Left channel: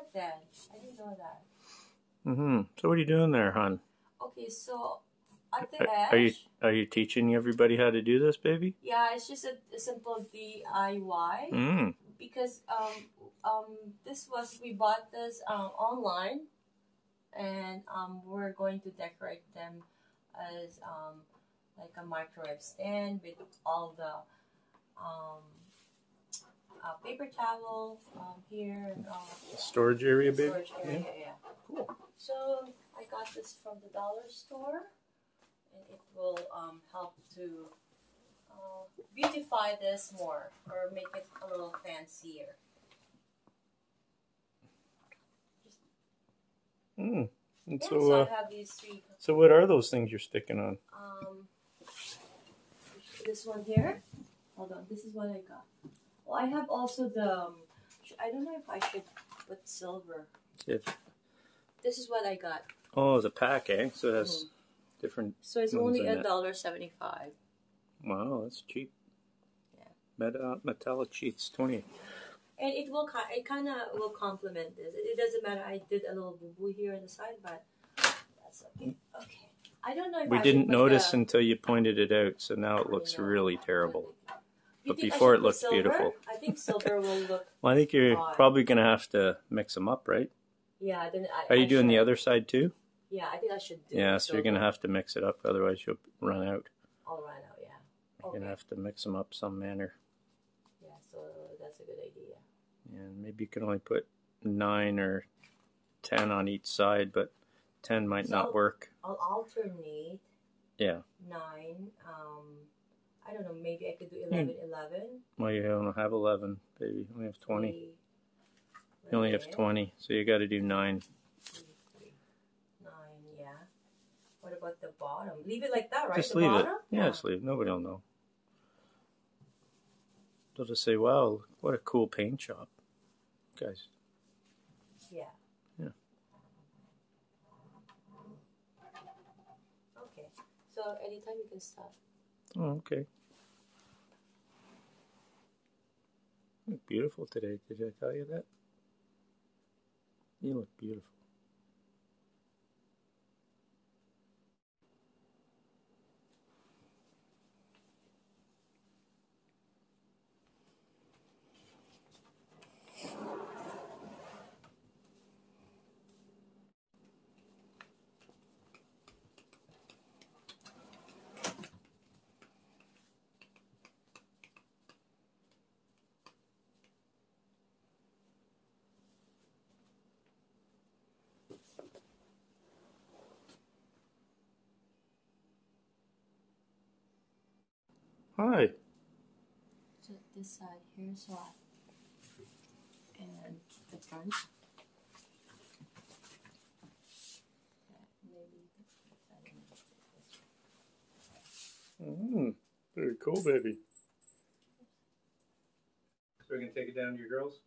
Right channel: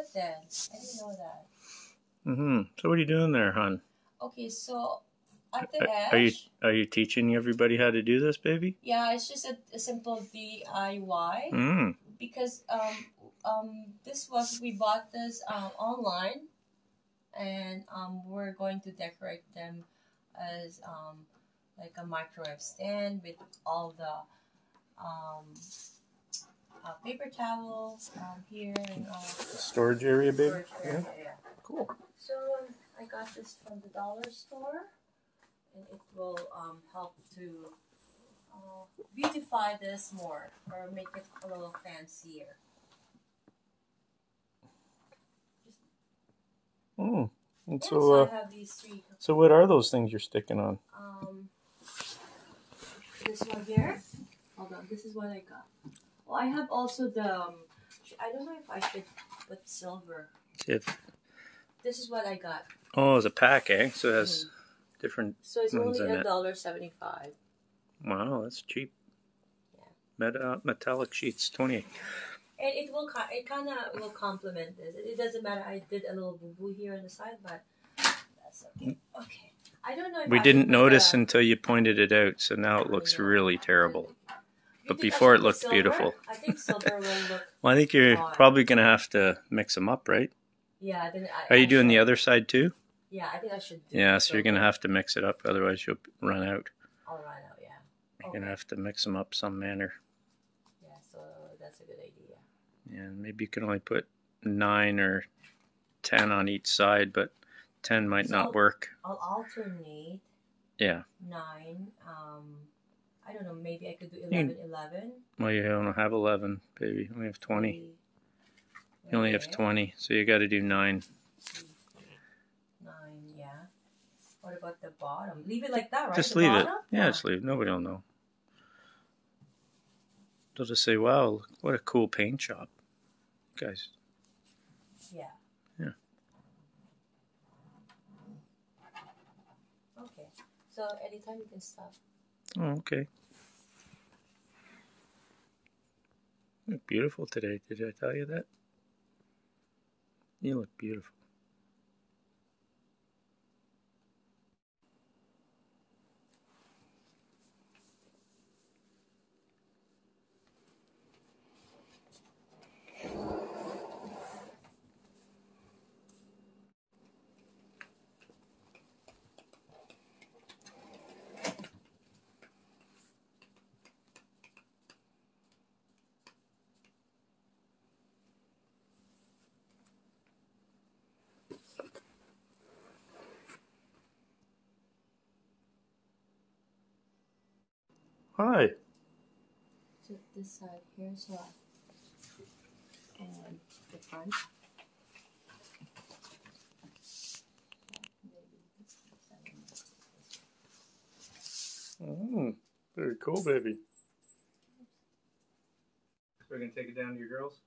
at that. I didn't know that. So what are you doing there, hon? Okay, so at the edge. Are you teaching everybody how to do this, baby? Yeah, it's just a simple DIY. Because we bought this online, and we're going to decorate them as like a microwave stand with all the paper towels here and storage area, baby. Storage area, yeah. Cool. So I got this from the dollar store, and it will help to beautify this more or make it a little fancier. And yeah, so I have these three. So what are those things you're sticking on? This one here. Hold on, this is what I got. Well, I have also the. I don't know if I should put silver. This is what I got. Oh, it's a pack, eh? So it has different. So it's only $1.75. Wow, that's cheap. Yeah. Metallic sheets, 20. And it kind of will complement this. It doesn't matter. I did a little boo boo here on the side, but that's okay. Okay. I don't know. If we didn't notice until you pointed it out, so now it looks really terrible. But before it looked beautiful. I think silver will look. Well, I think you're probably gonna have to mix them up, right? Yeah. Are you doing the other side too? Yeah, I think I should. Yeah, so you're gonna have to mix it up, otherwise you'll run out. I'll run out. Yeah. You're gonna have to mix them up some manner. Yeah, so that's a good idea. And maybe you can only put 9 or 10 on each side, but 10 might not work. I'll alternate. Yeah. 9. I don't know. Maybe I could do 11. Well, you don't have 11, baby. You only have 20. You only have 20, so you got to do 9. 9, yeah. What about the bottom? Leave it like that, right? Just leave it. Yeah, just leave it. Nobody will know. They'll just say, "Wow, what a cool paint job, guys." Yeah. Yeah. Okay. So anytime you can stop. Oh, okay. You look beautiful today. Did I tell you that? You look beautiful. Hi. To this side here as well. And the front. Very cool, baby. So we're going to take it down to your girls?